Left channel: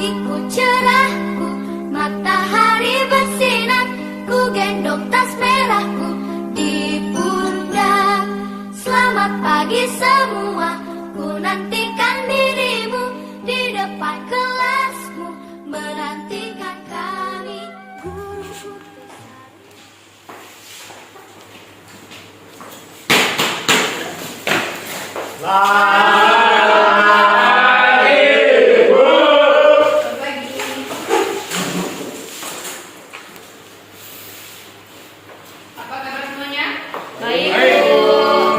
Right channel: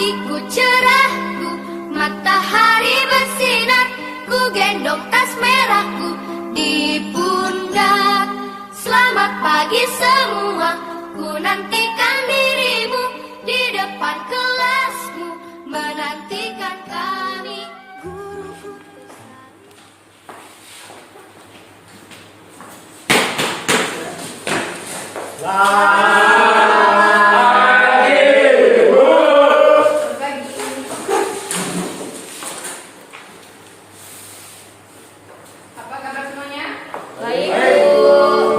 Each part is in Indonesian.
pagiku cerahku, matahari bersinar, ku gendong tas merahku di pundak. Selamat pagi semua, ku nantikan dirimu di depan kelasmu, menantikan kami guruku.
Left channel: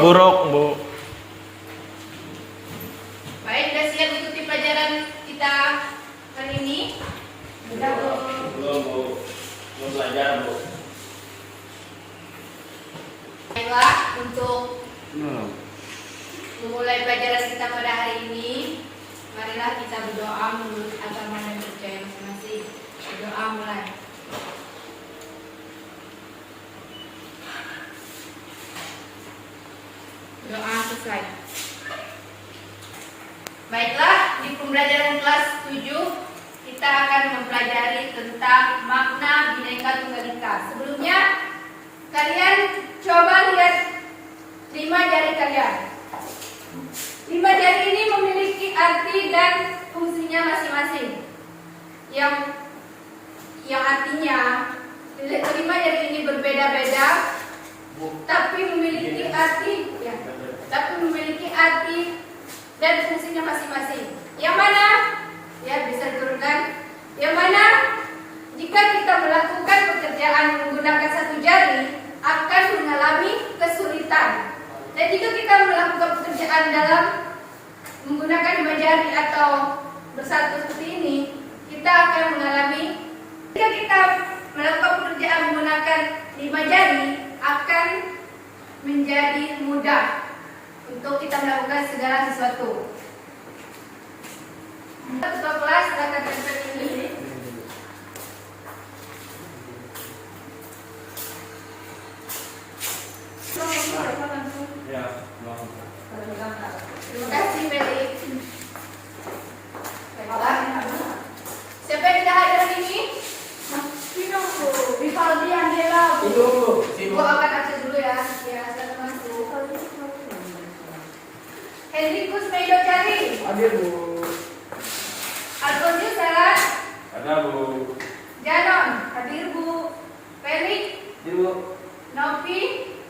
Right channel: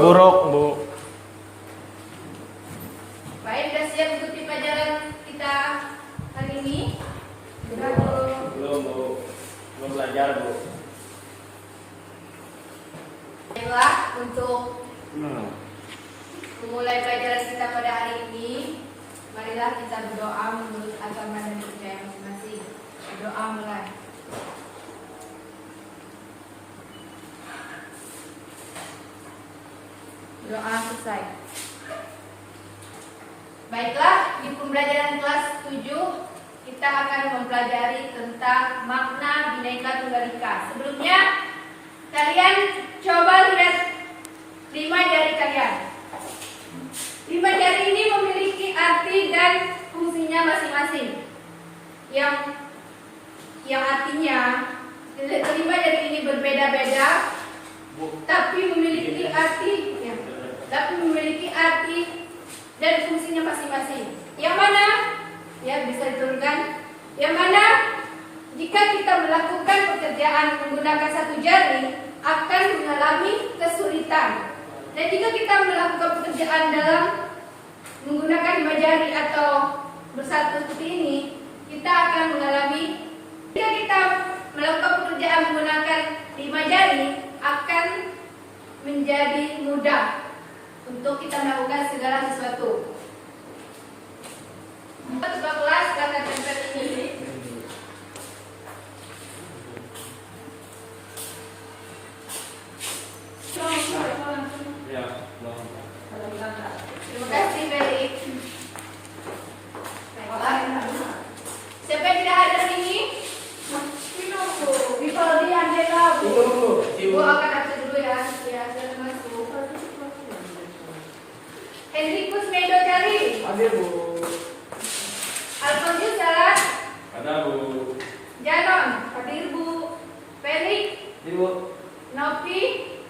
Buruk, Bu. Baik, sudah siap ikuti pelajaran kita hari ini? Belum, Bu. Belum belajar, Bu. Baiklah, untuk memulai pelajaran kita pada hari ini, marilah kita berdoa menurut agama dan percaya masing-masing. Berdoa mulai. Doa selesai. Baiklah, di pembelajaran kelas 7 kita akan mempelajari tentang makna Bhinneka Tunggal Ika. Sebelumnya, kalian coba lihat 5 jari kalian. 5 jari ini memiliki arti dan fungsinya masing-masing. Yang artinya 5 jari ini berbeda-beda, tapi memiliki arti dan fungsinya masing-masing. Yang mana? Ya, bisa diturunkan. Yang mana? Jika kita melakukan pekerjaan menggunakan satu jari, akan mengalami kesulitan. Dan jika kita melakukan pekerjaan dalam menggunakan 5 jari atau bersatu seperti ini, kita akan mengalami. Jika kita melakukan pekerjaan menggunakan 5 jari, akan menjadi mudah untuk kita melakukan segala sesuatu. Ketua kelas silakan tempel ini. Ya, Terima kasih, Felix. Baiklah. Siapa yang tidak hadir hari ini? Vivaldi Angela, Bu. Bu akan atur dulu ya. Ya, selamat masuk. Henrikus Medo Cari. hadir, Bu. Alfonso Salah. Ada, Bu. Janon, hadir Bu. Felix. Hadir, Bu. Novi,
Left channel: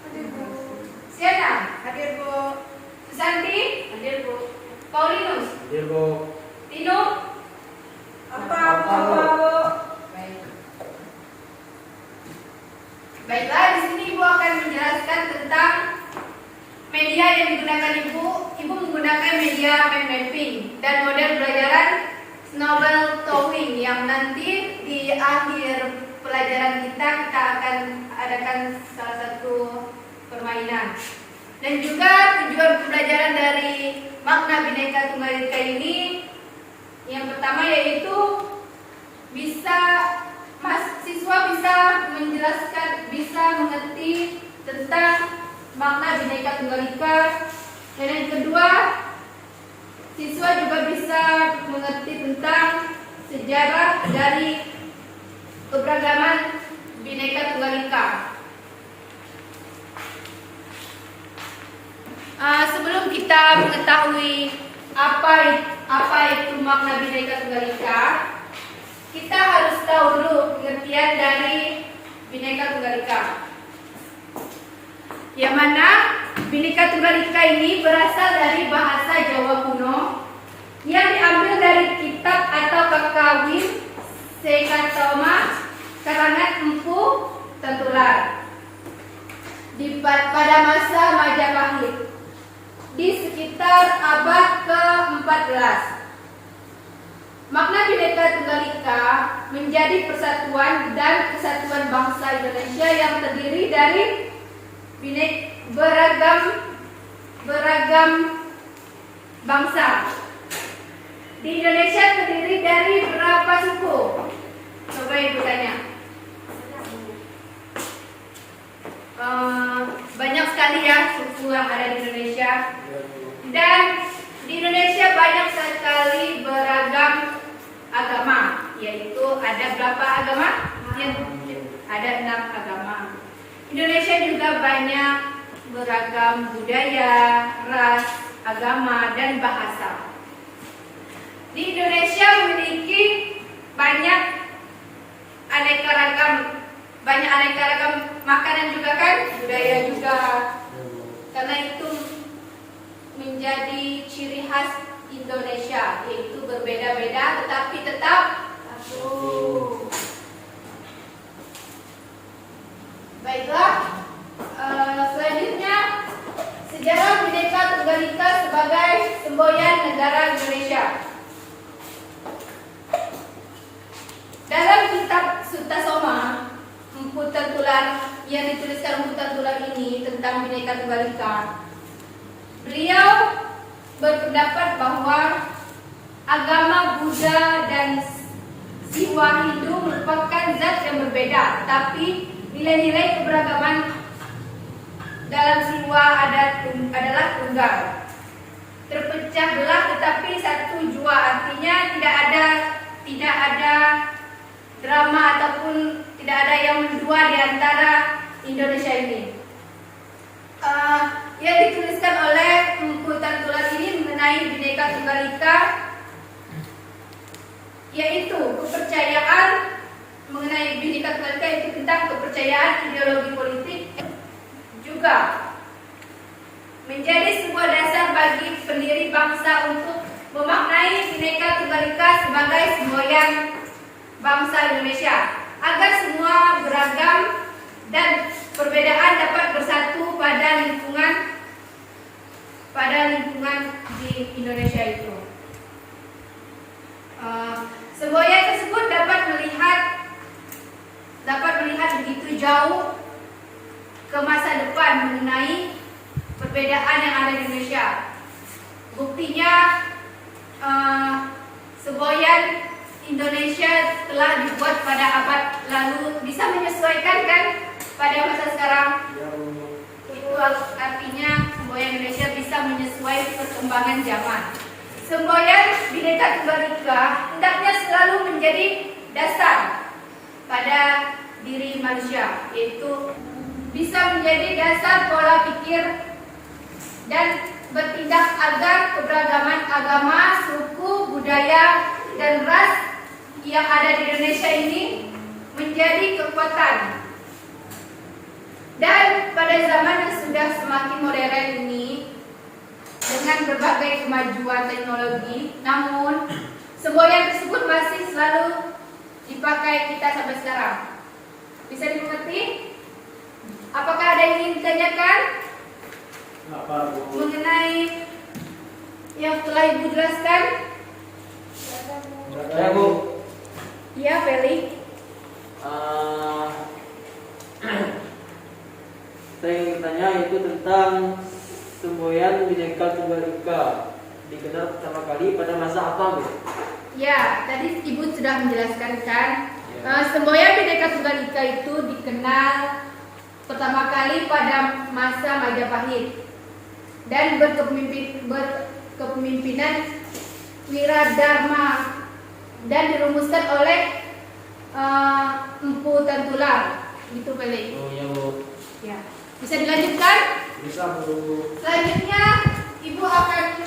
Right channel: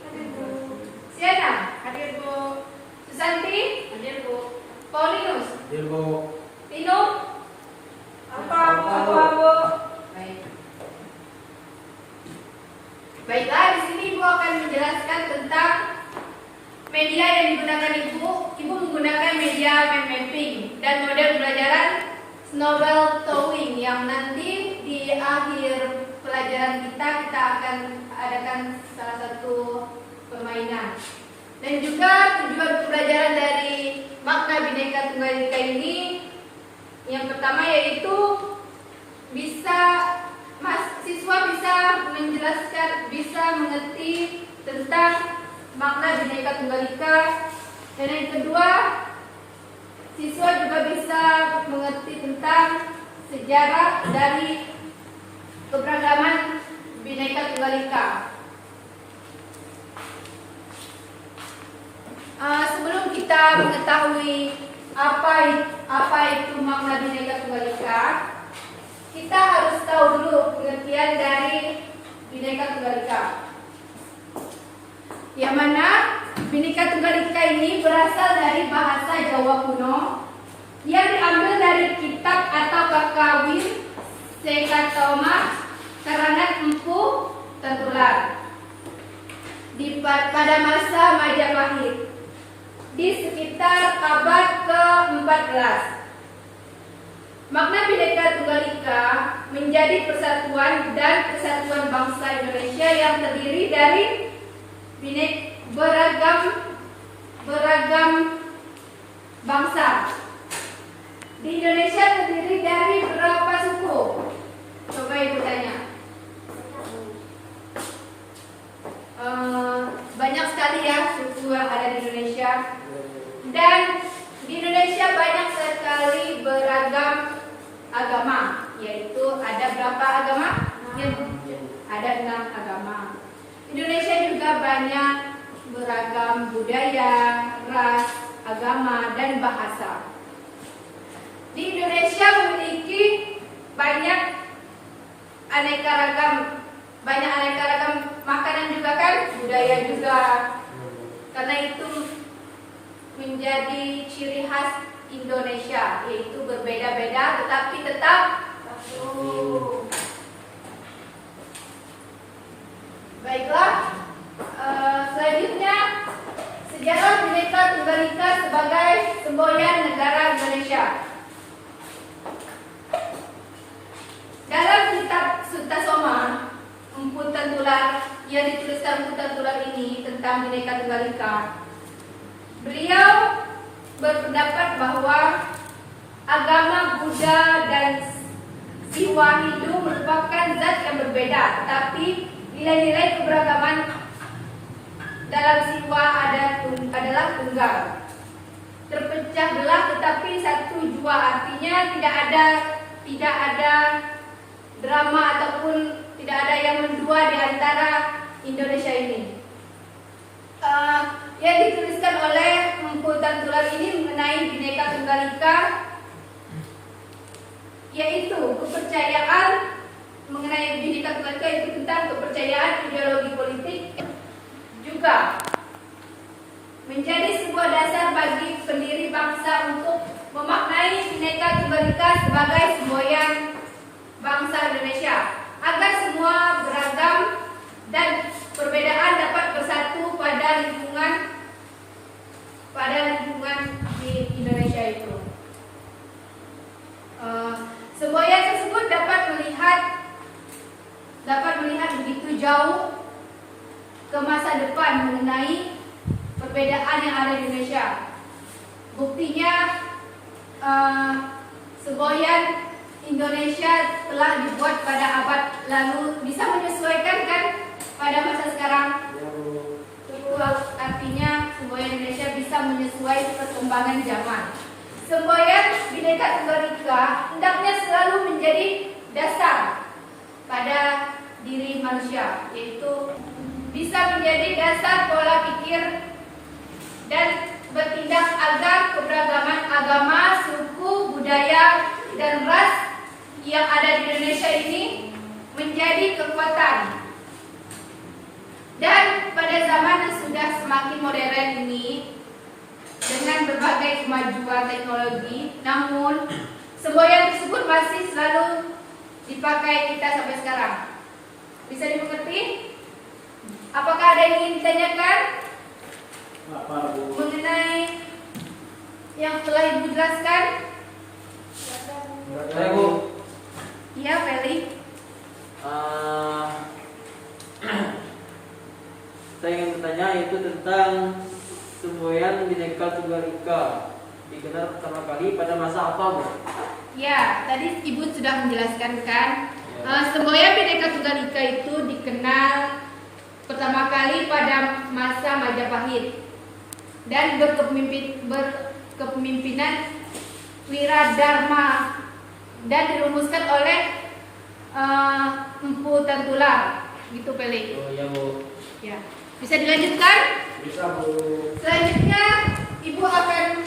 hadir Bu. Siana, hadir Bu. Susanti, hadir Bu. Paulinus, Hadir, Bu. Tino, apa Bu? Baik. Baiklah, di sini Ibu akan menjelaskan tentang media yang digunakan Ibu. Ibu menggunakan media mind mapping dan model pelajaran Snowball Towing yang nanti di akhir pelajaran kita akan adakan salah satu permainan. Dan juga tujuan pembelajaran dari makna Bhinneka Tunggal Ika ini yang pertama yaitu siswa bisa menjelaskan, bisa mengerti tentang makna Bhinneka Tunggal Ika. Dan yang kedua, siswa juga bisa mengerti tentang sejarah dari keberagaman Bhinneka Tunggal Ika. Sebelum kita mengetahui apa itu makna Bhinneka Tunggal Ika, kita harus tahu dulu pengertian dari Bhinneka Tunggal Ika. Yang mana Bhinneka Tunggal Ika ini berasal dari bahasa Jawa kuno yang diambil dari kitab atau kakawin Sekatoma karangan Empu Tentular pada masa Majapahit di sekitar abad ke-14. Makna Bhinneka Tunggal Ika menjadi persatuan dan kesatuan bangsa Indonesia yang terdiri dari beragam bangsa. Di Indonesia terdiri dari berapa suku? Coba Ibu tanya. Banyak sekali ya suku yang ada di Indonesia. Dan di Indonesia banyak sekali beragam agama ada berapa agama? Ada 6 agama. Indonesia juga banyak beragam budaya, ras, agama, dan bahasa. Di Indonesia memiliki banyak aneka ragam makanan juga kan, budaya juga. Karena itu menjadi ciri khas Indonesia, yaitu berbeda-beda tetapi tetap satu. Baiklah, selanjutnya sejarah Bhinneka Tunggal Ika sebagai semboyan negara Indonesia. Dalam kitab Sutta Soma Empu Tengtular yang dituliskan Empu Tengtular ini tentang Bhinneka Tunggal Ika, beliau berpendapat bahwa agama Buddha dan jiwa Hindu merupakan zat yang berbeda, tapi nilai-nilai keberagaman dalam jiwa adalah tunggal. Terpecah belah tetapi satu jua, artinya tidak ada drama ataupun tidak ada yang mendua di antara Indonesia ini. Yang dituliskan oleh Empu Tengtular ini mengenai Bhinneka Tunggal Ika, yaitu kepercayaan mengenai Bhinneka Tunggal Ika itu tentang kepercayaan ideologi politik, juga menjadi sebuah dasar bagi pendiri bangsa untuk memaknai Bhinneka Tunggal Ika sebagai semboyan bangsa Indonesia, agar semua beragam dan perbedaan dapat bersatu pada lingkungan di Indonesia itu. Semboyan tersebut dapat melihat begitu jauh ke masa depan mengenai perbedaan yang ada di Indonesia. Buktinya semboyan Indonesia telah dibuat pada abad lalu, bisa menyesuaikan kan pada masa sekarang. Itu artinya semboyan Indonesia bisa menyesuaikan perkembangan zaman. Semboyan Bhinneka Tunggal Ika hendaknya selalu menjadi dasar pada diri manusia, yaitu bisa menjadi dasar pola pikir dan bertindak agar keberagaman agama, suku, budaya, dan ras yang ada di Indonesia ini menjadi kekuatan. Dan pada zaman yang sudah semakin modern ini, dengan berbagai kemajuan teknologi, namun semboyan tersebut masih selalu dipakai kita sampai sekarang. Bisa dimengerti? Apakah ada yang ingin ditanyakan mengenai yang telah Ibu jelaskan? Saya Bu. Iya, Feli. Saya ingin bertanya itu tentang semboyan Bhinneka Tunggal Ika dikenal pertama kali pada masa apa, Bu? Ya, tadi Ibu sudah menjelaskan kan. Semboyan Bhinneka Tunggal Ika itu dikenal pertama kali pada masa Majapahit dan berkepemimpinan Wiradharma dan dirumuskan oleh Empu Tengtular. Gitu, Pele. Oh iya, Bu. Ya. Bisa dilanjutkan? Bisa, Bu. Selanjutnya Ibu akan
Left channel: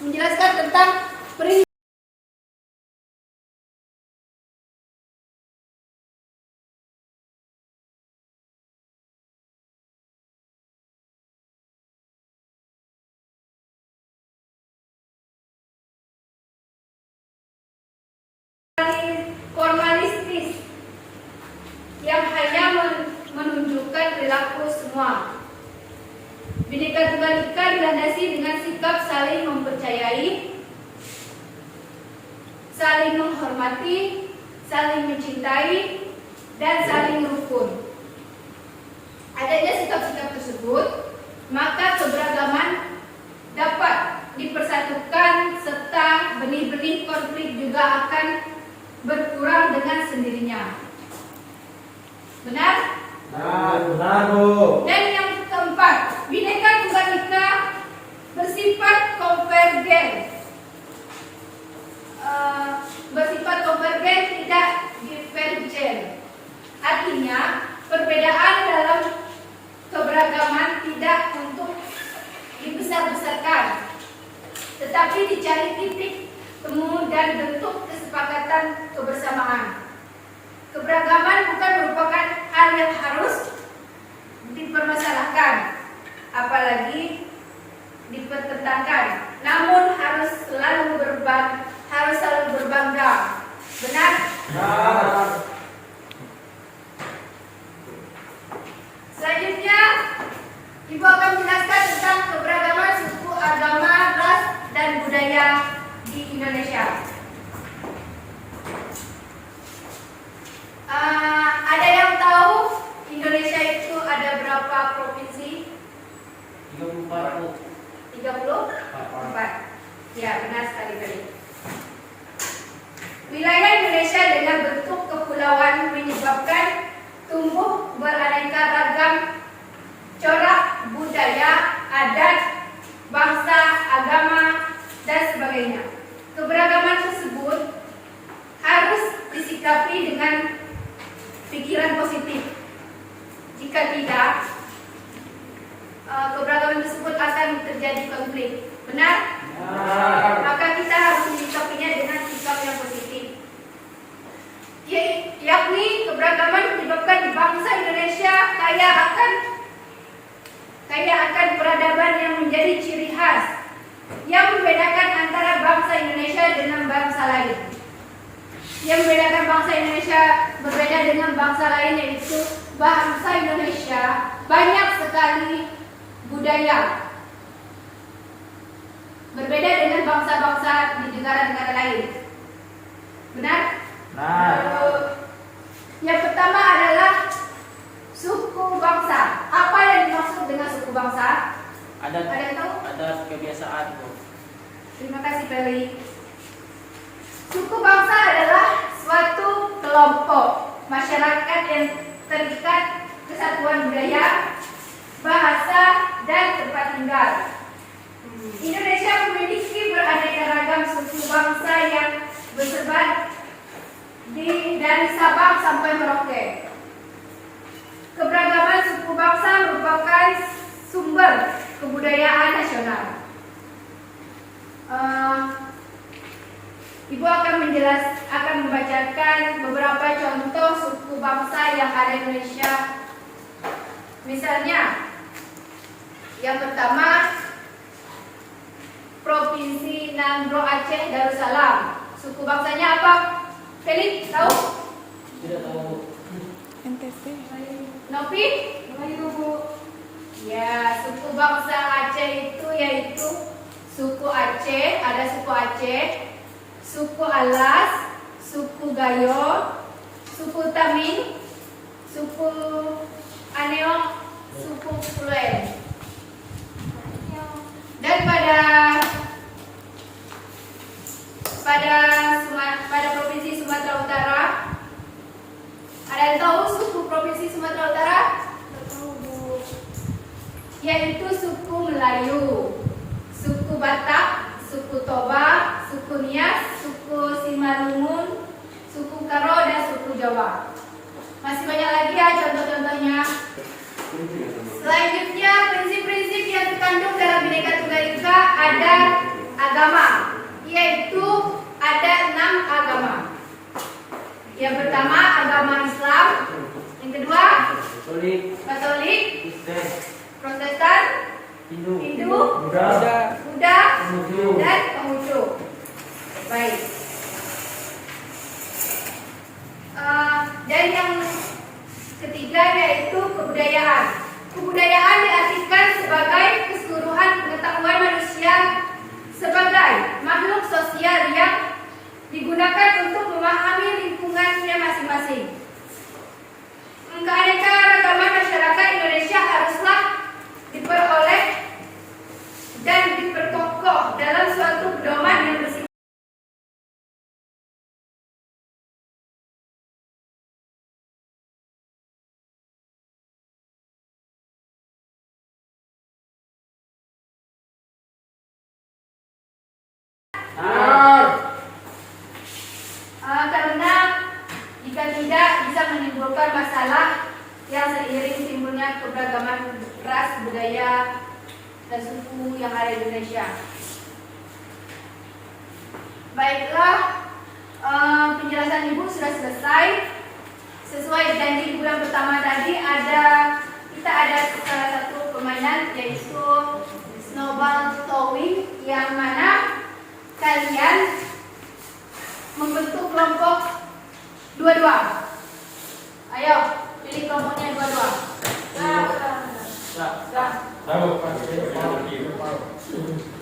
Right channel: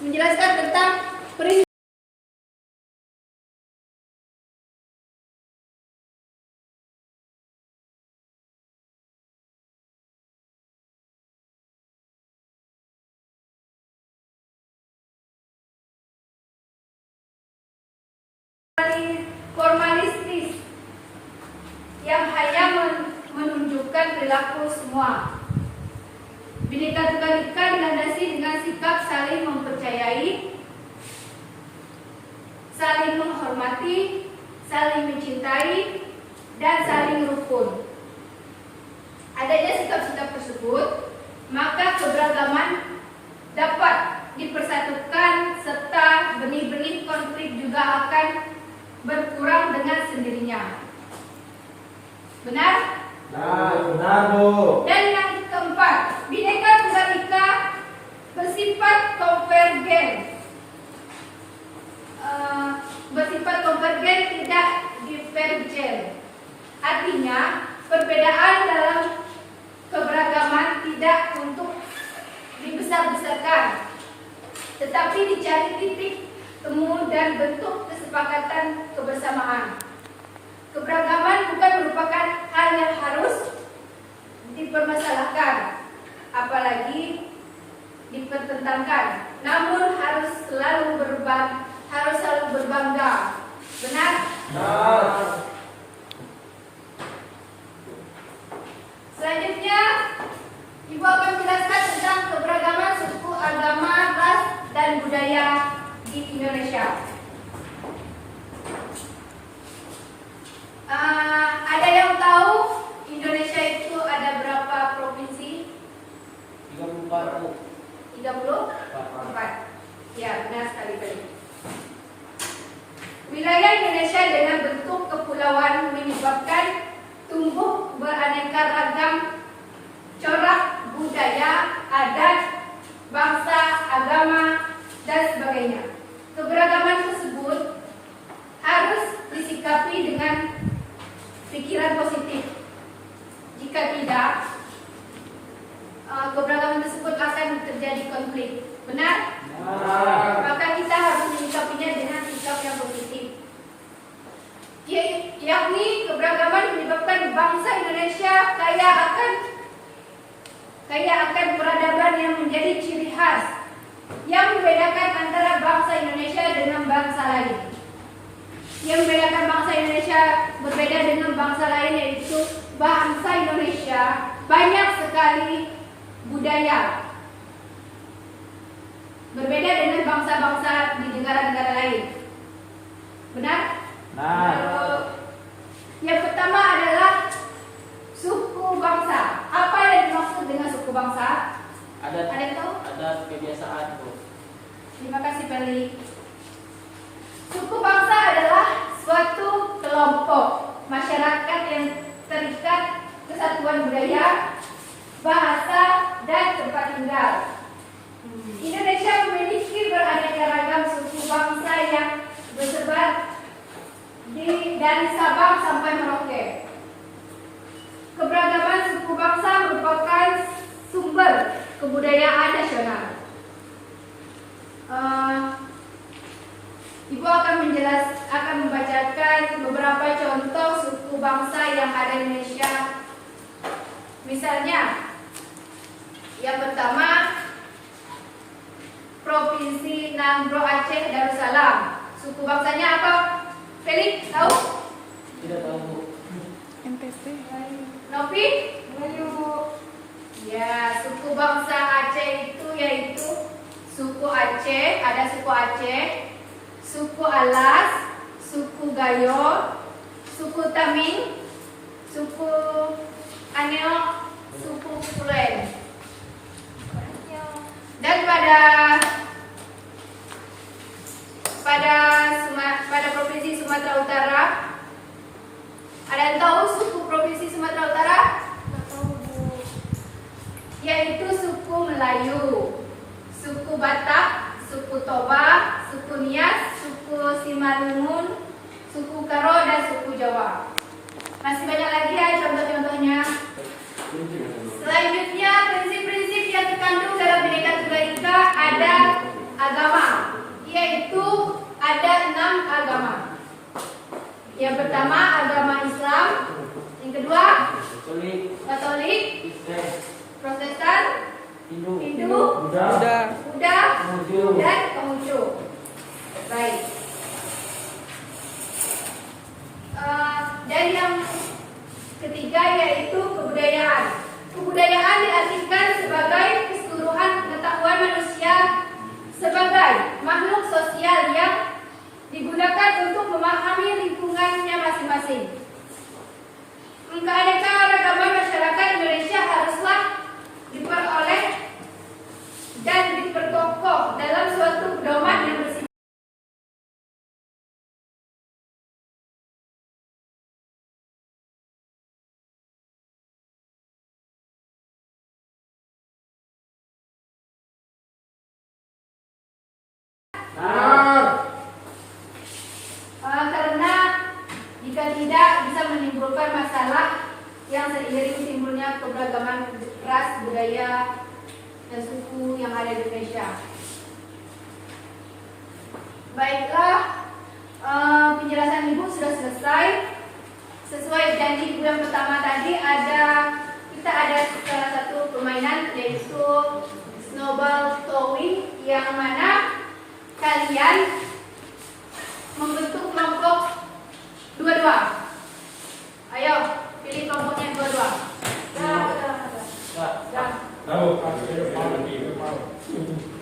menjelaskan tentang prinsip formalistis yang hanya menunjukkan perilaku semua. Bhinneka Tunggal Ika dilandasi dengan sikap saling mempercayai, saling menghormati, saling mencintai, dan saling rukun. Adanya sikap-sikap tersebut, maka keberagaman dapat dipersatukan serta benih-benih konflik juga akan berkurang dengan sendirinya. Benar? Benar, Bu. Dan yang keempat, Bhinneka Tunggal Ika bersifat konvergen. dibesar-besarkan, tetapi dicari titik temu dan bentuk kesepakatan kebersamaan. Keberagaman bukan merupakan hal yang harus dipermasalahkan, apalagi dipertentangkan, namun harus selalu berbangga. Benar? Selanjutnya, Ibu akan menjelaskan tentang keberagaman suku, agama, ras, dan budaya di Indonesia. Ada yang tahu Indonesia itu ada berapa provinsi? 34 Bu. 34. Ya, benar sekali. Wilayah Indonesia dengan bentuk kepulauan menyebabkan tumbuh beraneka ragam corak budaya, adat, bangsa, agama, dan sebagainya. Keberagaman tersebut harus disikapi dengan pikiran positif. Jika tidak, keberagaman tersebut akan terjadi konflik. Benar? Maka kita harus menyikapinya dengan sikap yang positif. Yakni keberagaman menyebabkan bangsa Indonesia kaya akan peradaban yang menjadi ciri khas yang membedakan antara bangsa Indonesia dengan bangsa lain. Yang membedakan bangsa Indonesia berbeda dengan bangsa lain yaitu bangsa Indonesia banyak sekali budaya. Berbeda dengan bangsa-bangsa di negara-negara lain. Benar? Yang pertama adalah suku bangsa. Apa yang dimaksud dengan suku bangsa? Ada yang tahu? Ada kebiasaan Bu. Terima kasih Peli. Suku bangsa adalah suatu kelompok masyarakat yang terikat kesatuan budaya, bahasa, dan tempat tinggal. Indonesia memiliki beraneka ragam suku bangsa yang bersebar dari Sabang sampai Merauke. Keberagaman suku bangsa merupakan sumber kebudayaan nasional. Ibu akan membacakan beberapa contoh suku bangsa yang ada di Indonesia. Misalnya, yang pertama, Provinsi Nangro Aceh Darussalam. Suku bangsanya apa? Felix, tahu? Tidak tahu Bu. Novi? Ya, suku bangsa Aceh itu yaitu suku Aceh, ada suku Aceh, suku Alas, suku Gayo, suku Taming, suku Aneo, suku Fluent. Dan pada provinsi Sumatera Utara, ada yang tahu suku provinsi Sumatera Utara? Yaitu suku Melayu, suku Batak, suku Toba, suku Nias, suku Simalungun, suku Karo, dan suku Jawa. Masih banyak lagi ya contoh-contohnya. Selanjutnya, prinsip-prinsip yang terkandung dalam Bhinneka Tunggal Ika ada agama, yaitu ada 6 agama. Yang pertama agama Islam, yang kedua Katolik, Islam, Protestan, Hindu, Buddha, dan Konghucu. Baik. Dan yang ketiga yaitu kebudayaan. Kebudayaan diartikan sebagai keseluruhan pengetahuan manusia sebagai makhluk sosial yang digunakan untuk memahami lingkungannya masing-masing. Keanekaragaman masyarakat Indonesia haruslah diperoleh dan diperkokoh dalam suatu pedoman yang bersifat karena jika tidak bisa menimbulkan masalah yang seiring timbulnya keberagaman ras, budaya, dan suku yang ada di Indonesia. Baiklah, penjelasan Ibu sudah selesai. Sesuai janji bulan pertama tadi kita ada salah satu permainan yaitu snowball throwing, yang mana kalian membentuk kelompok dua-dua. Ayo, pilih kelompoknya dua-dua.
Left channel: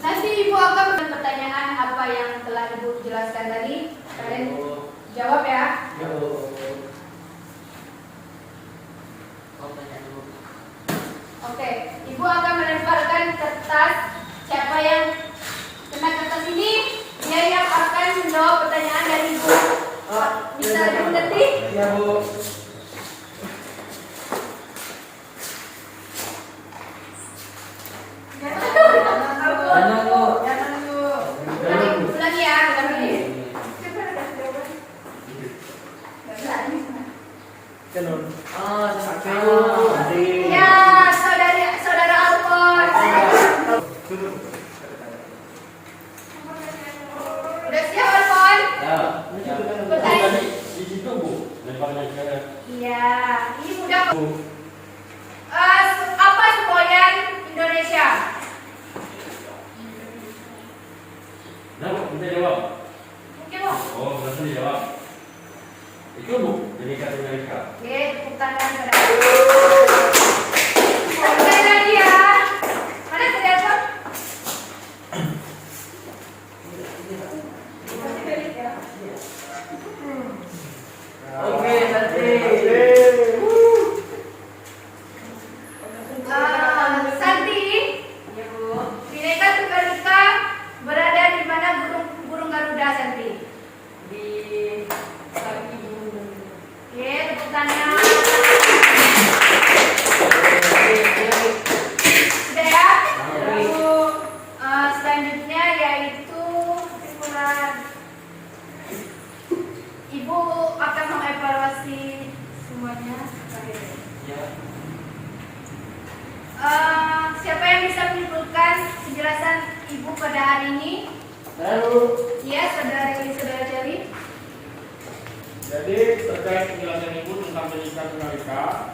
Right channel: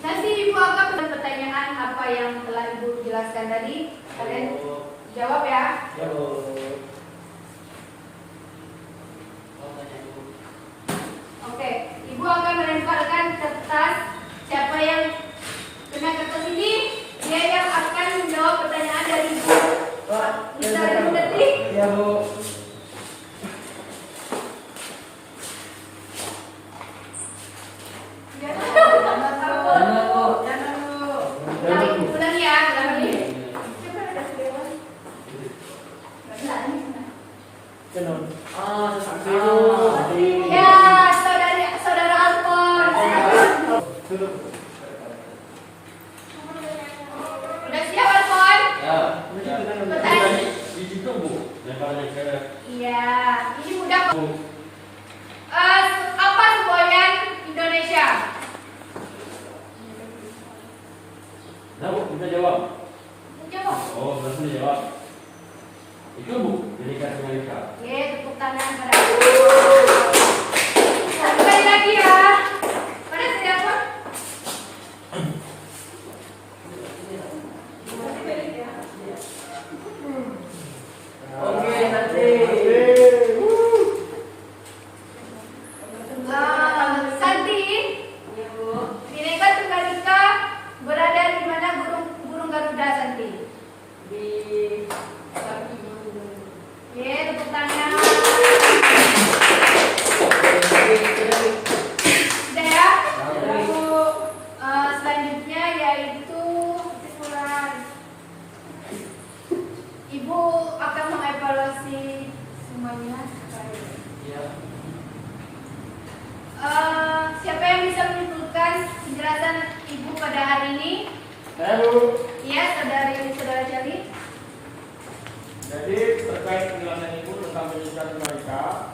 Nanti Ibu akan beri pertanyaan apa yang telah Ibu jelaskan tadi. Kalian jawab ya. Oke, Ibu akan melemparkan kertas. Siapa yang kena kertas ini, dia yang akan menjawab pertanyaan dari Ibu. Bisa dimengerti? Ya, Bu. Ulang ya, ya, saudara Alfon. Udah siap Alfon? Pertanyaan. Di situ Bu, lemparnya sekarang. Iya, ini mudah. Apa semboyan Indonesia? Nah Bu, bisa jawab. Jawab. Oh, berarti dijawab. Itu Bu, Bhinneka Tunggal Ika. Oke, tepuk tangan pada Ibu. Sekali lagi ya. Mana siapa? Oke, Santi. Santi, Bhinneka Tunggal Ika berada di mana burung Garuda, Santi? Di kaki gunung. Oke, tepuk tangan. Sudah ya? Lalu selanjutnya yaitu Ibu akan mengevaluasi semuanya. Ya. Siapa yang bisa menyimpulkan penjelasan Ibu pada hari ini? Iya, saudara Jali. Jadi terkait penjelasan Ibu tentang Bhinneka Tunggal Ika,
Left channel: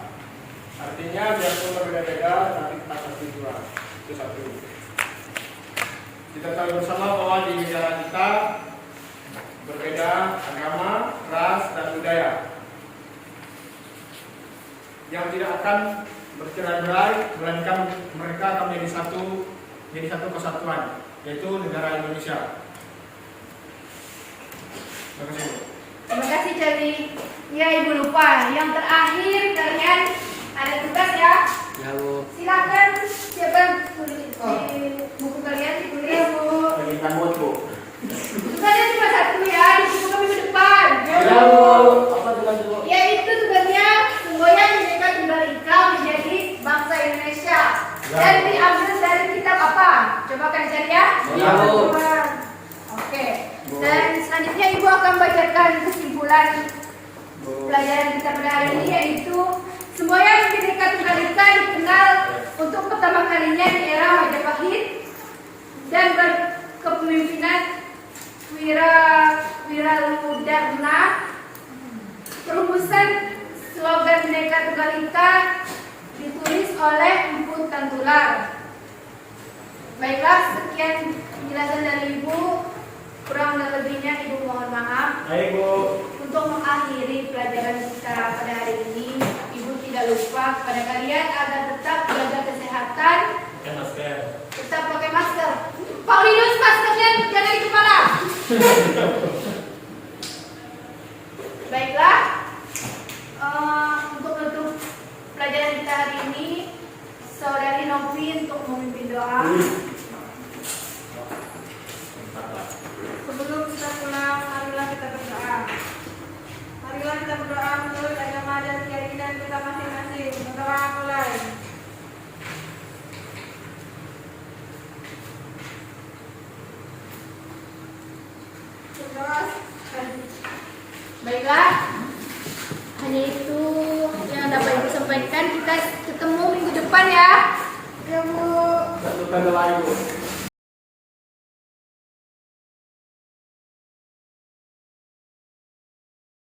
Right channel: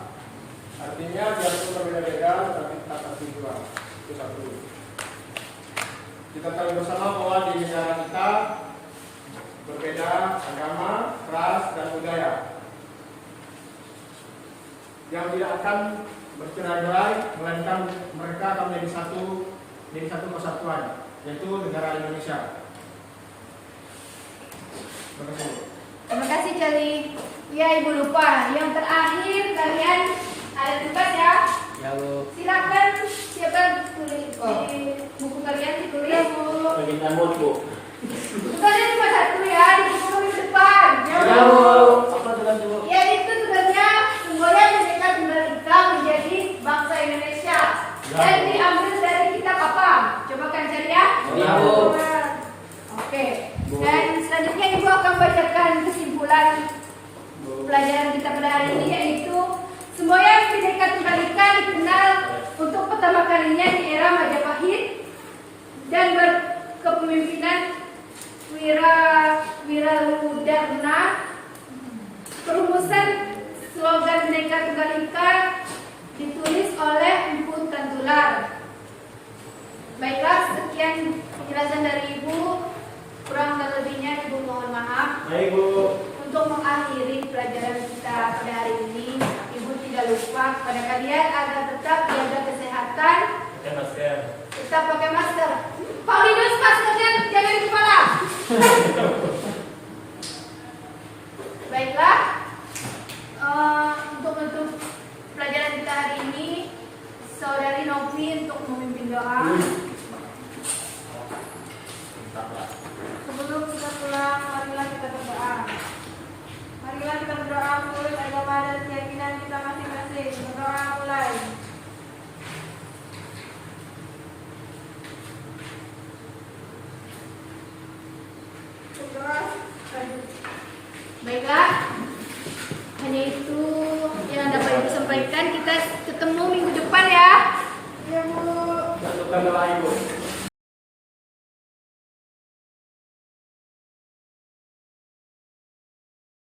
artinya biarpun berbeda-beda tapi tetap bertujuan. Itu satu. Kita tahu bersama bahwa di negara kita berbeda agama, ras, dan budaya yang tidak akan bercerai-berai, melainkan mereka akan menjadi satu kesatuan, yaitu negara Indonesia. Terima kasih. Terima kasih Jali. Ya, Ibu lupa. Yang terakhir kalian ada tugas ya. Ya, Bu. Silakan siapa tulis di buku kalian ditulis. Berikan mood Bu. Tugasnya cuma satu ya, di buku kami ke depan. Ya, Bu. Apa tugas, Bu? Yaitu tugasnya semboyan Bhinneka Tunggal Ika menjadi bangsa Indonesia. Dan diambil dari kitab apa? Coba kalian cari ya. Ya, Bu. Oke. Dan selanjutnya Ibu akan bacakan kesimpulan pelajaran kita pada hari ini, yaitu semboyan Bhinneka Tunggal Ika dikenal untuk pertama kalinya di era Majapahit dan berkepemimpinan Wiraludharma. Perumusan slogan Bhinneka Tunggal Ika ditulis oleh Empu Tantular. Baiklah, sekian penjelasan dari Ibu. Kurang dan lebihnya Ibu mohon maaf. Baik Bu. Untuk mengakhiri pelajaran kita pada hari ini, Ibu tidak lupa kepada kalian agar tetap jaga kesehatan, Pakai masker. tetap pakai masker. Pak Linus, maskernya jangan di kepala. Baiklah, untuk menutup pelajaran kita hari ini, Saudari Novi untuk memimpin doa. Sebelum kita pulang, marilah kita berdoa. Marilah kita berdoa menurut agama dan keyakinan kita masing-masing. Berdoa mulai. Berdoa. Baiklah, hanya itu yang dapat Ibu sampaikan. Kita ketemu minggu depan ya. Ya Bu. Untuk berdoa ibu.